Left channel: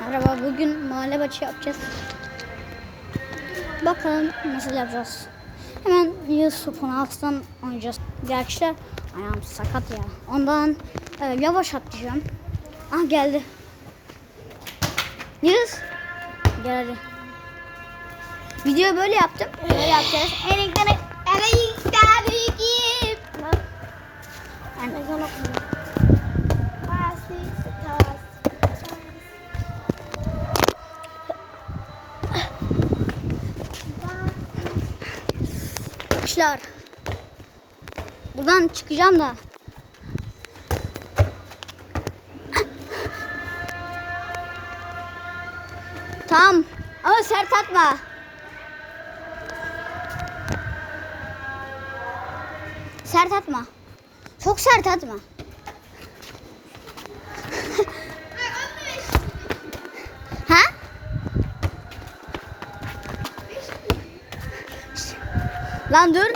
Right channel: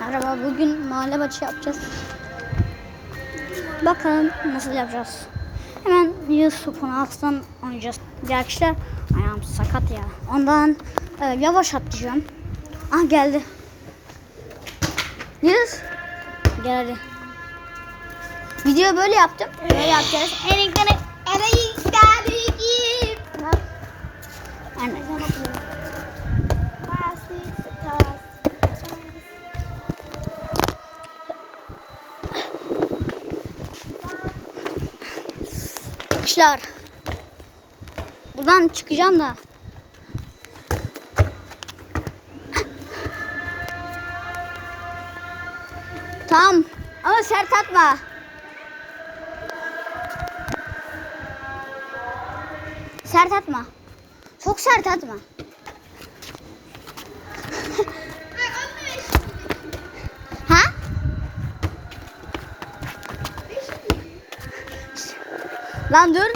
Merhaba bugün mahalle maçı yapacağız. Bakalım nasıl yapacağız. Hemen Yusuf'un altından oynayacağız. Gerçi de ayağım sakat ya. Ondan e, yavaş atlayacağım. Ah geldi. Yunus. Gel hadi. Video böyle yaptım. Böyle yapacağız. Erekleri erekleri git. Anne. Arkadaşlar. Buradan çıkacağım da. Tamam. Ama sert atma. Sert atma. Çok sert atma. Lan dur.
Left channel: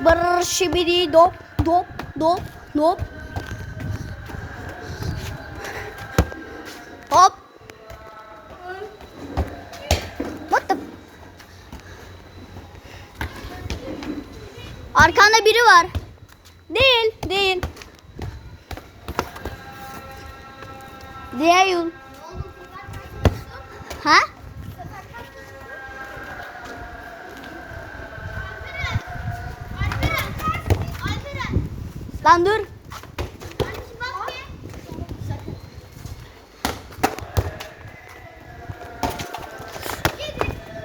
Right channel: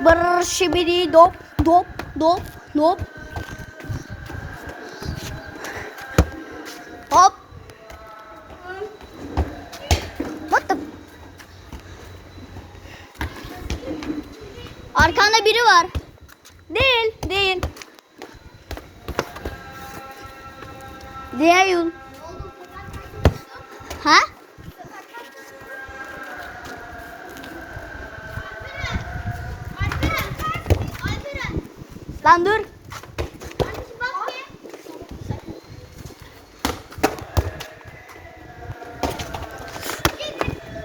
Brrr şibidi dop dop dop dop. Hop. What the? Arkanda biri var. Değil, değil. Değil. Ha? Lan dur.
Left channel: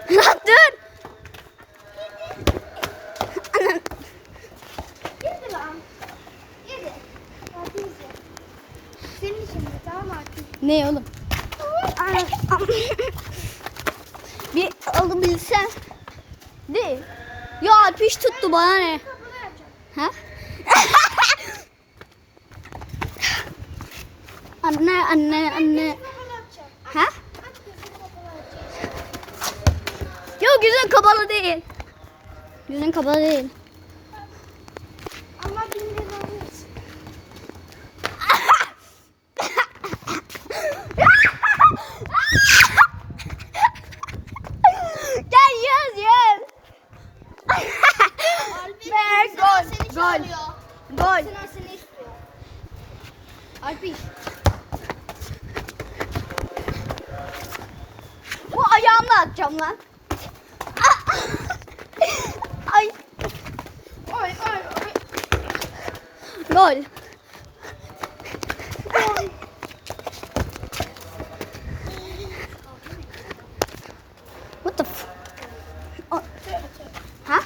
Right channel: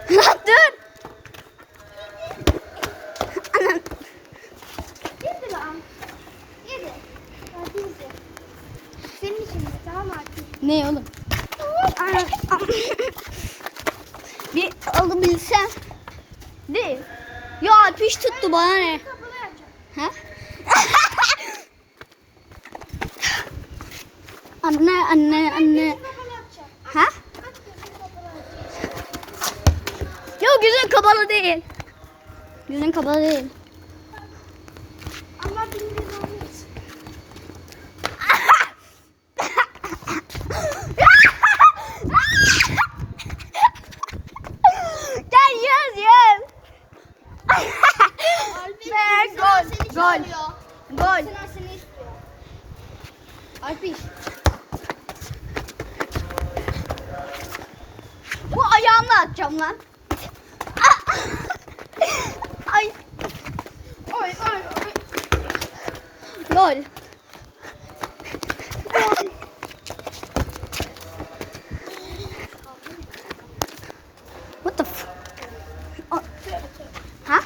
Lan dur. Anam. Senin için de tamam artık. Ne oğlum? Anam. Bir alabilsem. Değil. Ya ateş tuttu bana ne? Ha? anne anne anne. Ha? Yok yüzün kapalı değil. Yüzün kapalı değil. Ama bilmiyorum. Gel yüz yüz. Ve gol. Gol. Gol. Alpis. Bu ayağımla atacağım lan. Ay. Oy oy oy. Gol. What the f... O- Ha?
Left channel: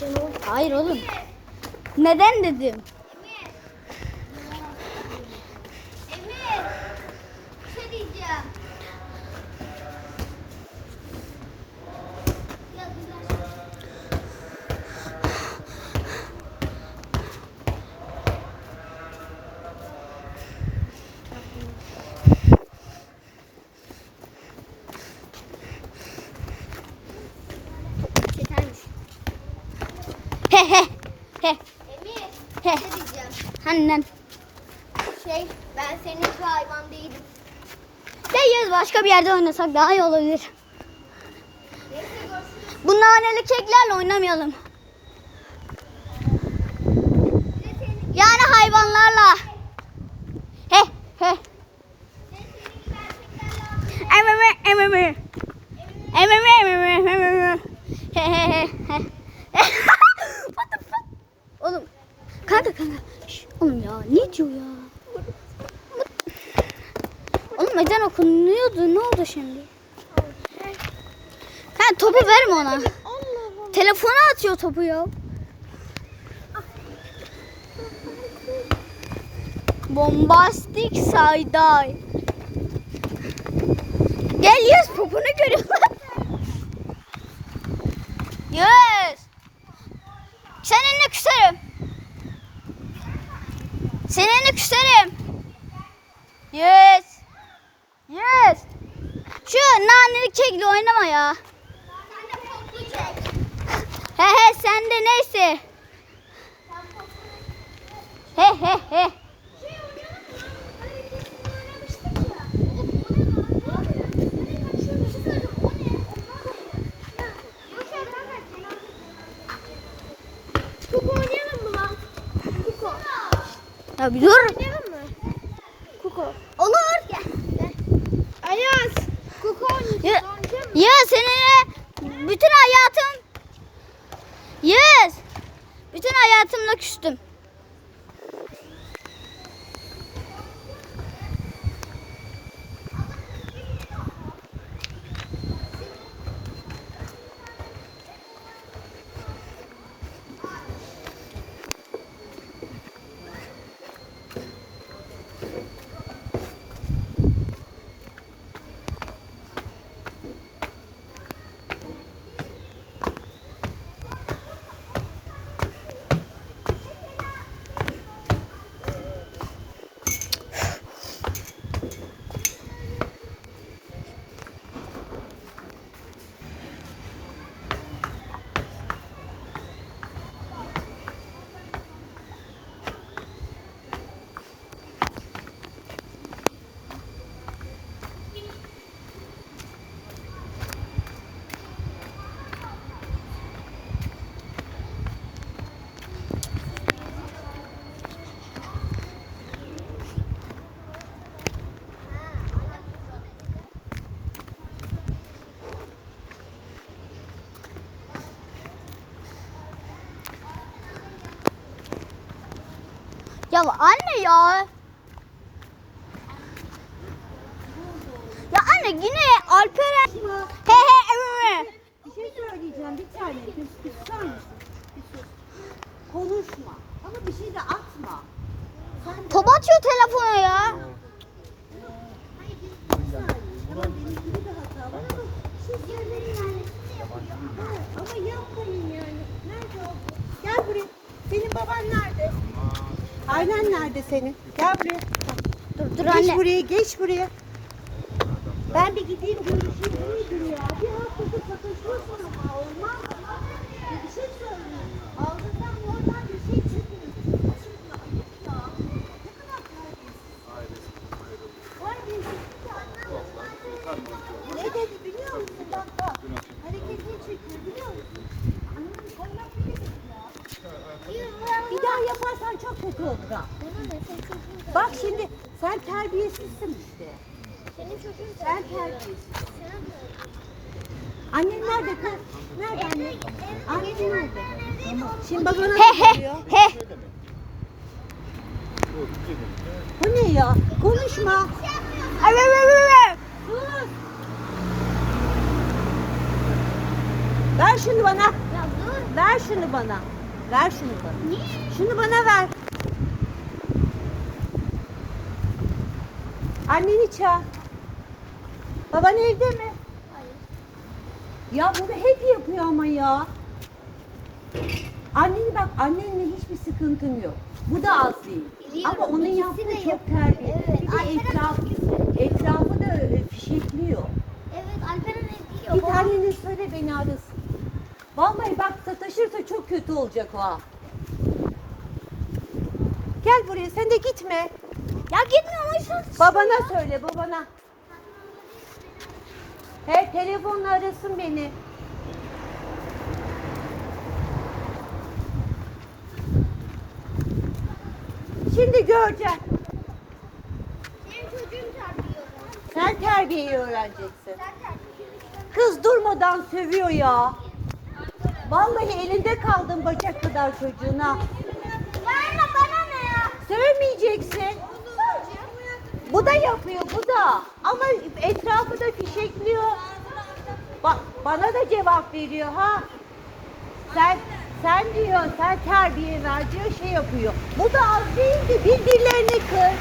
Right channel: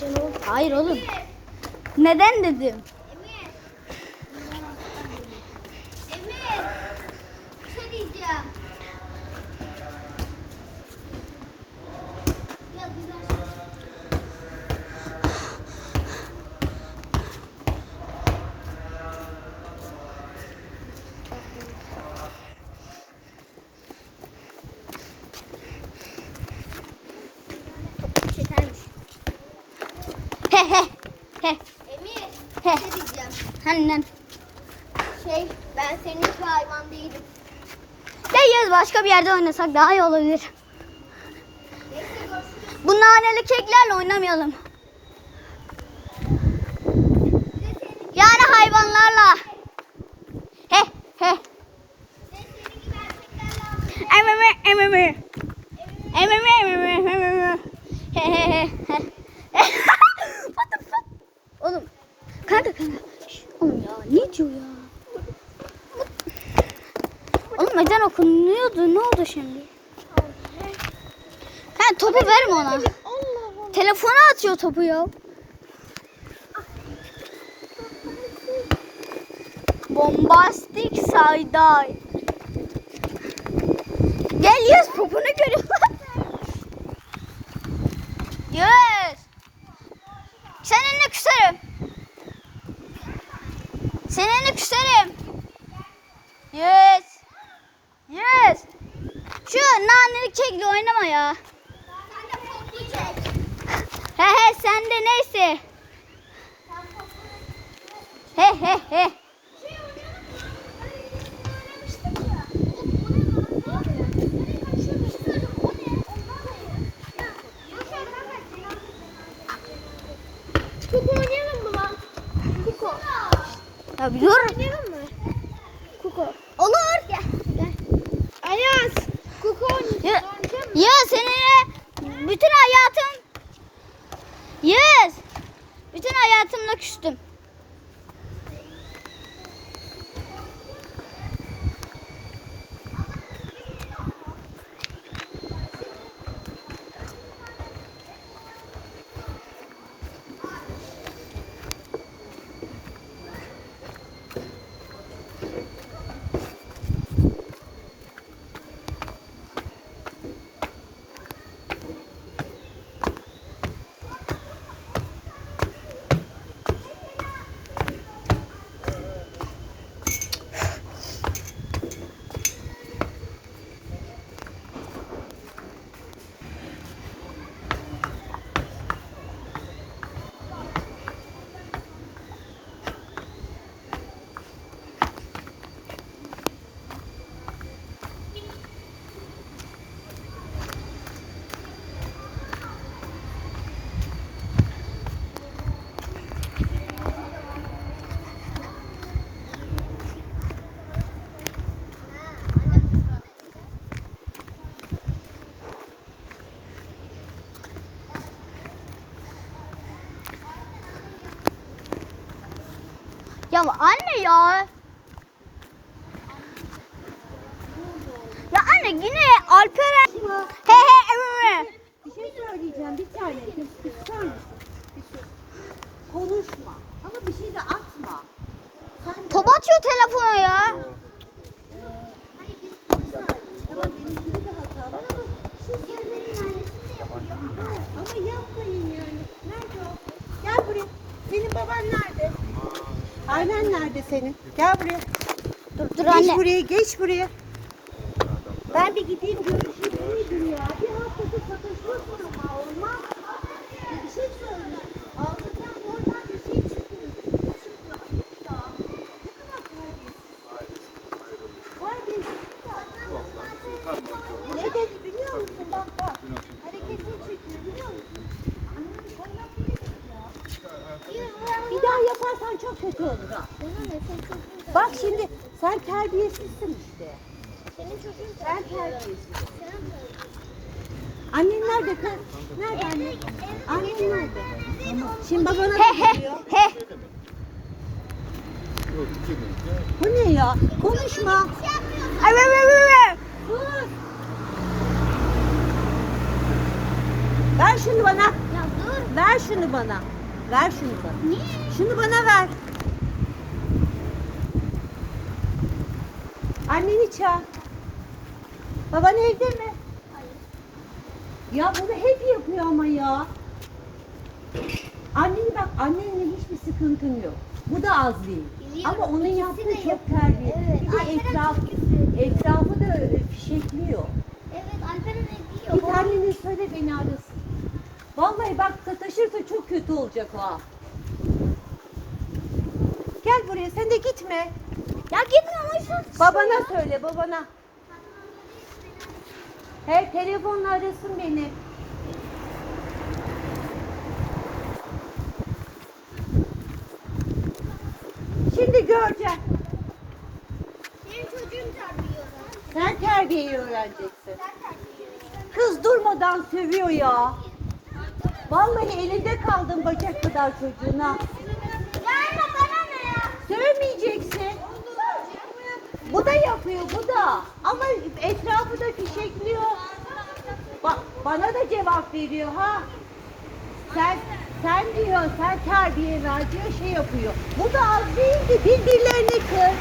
Canım. Hayır oğlum. Neden dedim? Emir. Bir şey diyeceğim. Yetermiş. He he. He. Emir. He. Bir şey diyeceğim. Annen. Şey ben senin şu hayvan değilim. Ya yaz başka bir yerde oynasak daha iyi olabilir. Bu naneli keklerle oynamayalım. Yani hayvanlarla. He he. Ememe ememe. Ememe ememe ememe. He he he he. What the fuck? Oğlum. Kanka. Şş, Oğlum ya ne diyor ya? Oğlum ezan okunuyordu. Ne oldu şimdi? Ha topu verme ona. Telefona atıyor topu ya. Bombastik sayday. Gel yaz popunu görüyorum. Yaz. Seninle küserim. Seninle küserim. Yes. Yes. Şu nanelik çekli oynama ya. Sen de poplu çek. He he sen de neyse. He he he. Ya. Oğlum o ne lan? Ne yapıyor? Nereye kaçıyor? Bir söyleyeceğim. O ne? Onlar ne? Ya, boş ver, ver, ver. Kenan. Kuku oynayalım mı lan? Kuku. Ya bir dur. Oynayalım mı? Kuku. Olur. Gel. Gel. Ayaz. Oynayacağız. Ya, ya senin ya bütün hayatım Yes. Bütün hayatımla küstüm. Ya anne ya. Ya anne yine Alperen. He he evet. Bir şey söyleyeceğim bir tane. Bir, sus. Konuşma. Ama bir şey de atma. Top atıyor telefona ya. Şey Ama yapmayın yani. Nerede o? Gel buraya. Senin baban nerede? Annen nerede senin? Gel buraya. Dur dur Geç anne. buraya, geç buraya. Ben bir gideyim görüşeyim. Nedir ya? Bir haftadır satışıyorsun ama olmaz. Bir şey söyle. Ağzından normal bir şey çıkmıyor. Ne dedi biliyor musun bak bak. Hareketini çekiyor biliyor musun? Bir daha yaparsan çok kötü olacak. Bak şimdi sen terbiyesizsin işte. Sen terbiyesizsin. Annen nerede kız? Nerede annen? Annen nerede? Tamam. Şimdi babana He he he. Bu ne ya? Konuşma. Evet evet evet. Sus. Ver şunu bana. Ver şunu bana. Ver şunu bana. Şunu bana ver. Anneni çağır. Baban evde mi? Ya bunu hep yapıyor ama ya. Anneni bak annenle hiçbir sıkıntın yok. Bu da az değil. Biliyorum, Ama onun yaptığı de çok terbiye. Evet, Bir de etraf, etrafı da e, fişekliyor. Evet Alperen ne Git annene söyle beni arasın. Vallahi bak sataşırsa çok kötü olacak o. Gel buraya sen de gitme. Ya gitmiyor musun? Babana söyle babana. He telefonla arasın beni. Şimdi göreceksin. Benim çocuğum terbiyor. Sen terbiyeyi öğreneceksin. Kız durmadan sövüyor ya. Vallahi elinde kaldın bacak kadar çocuğuna. Ya anne bana ne ya? Sövmeyeceksin. Bu da yapıyor, bu da. Ama etrafı da fişekliyor. Bak bana da cevap veriyor ha. Sen sen diyor, sen terbiye ver diyor, şey yapıyor. Bu da az değil ki birbirlerini kır.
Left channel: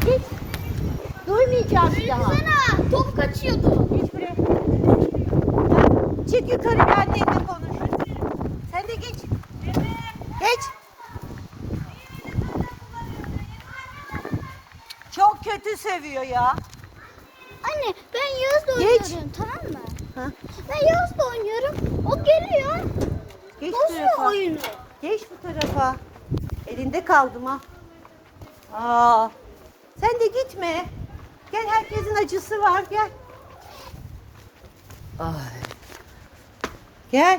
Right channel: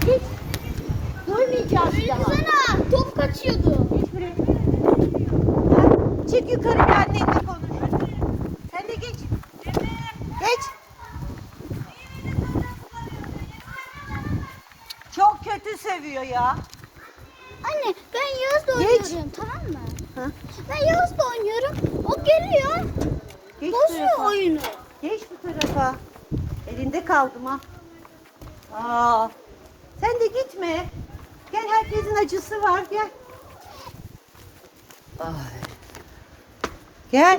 Hiç durmayacağız daha. Sana top kaçıyordu. Buraya. Çık yukarı annenle konuş. Sen de geç. Geç. Çok kötü kötü seviyor ya. Anne ben Yağız'la Geç. oynuyorum tamam mı? Hı? Ben Yağız'la oynuyorum. O geliyor. Geç Bozuyor tarafa. oyunu. Geç bu tarafa. Elinde kaldım ha. Aa, sen de gitme. Gel herkesin acısı var gel. Ay. Gel.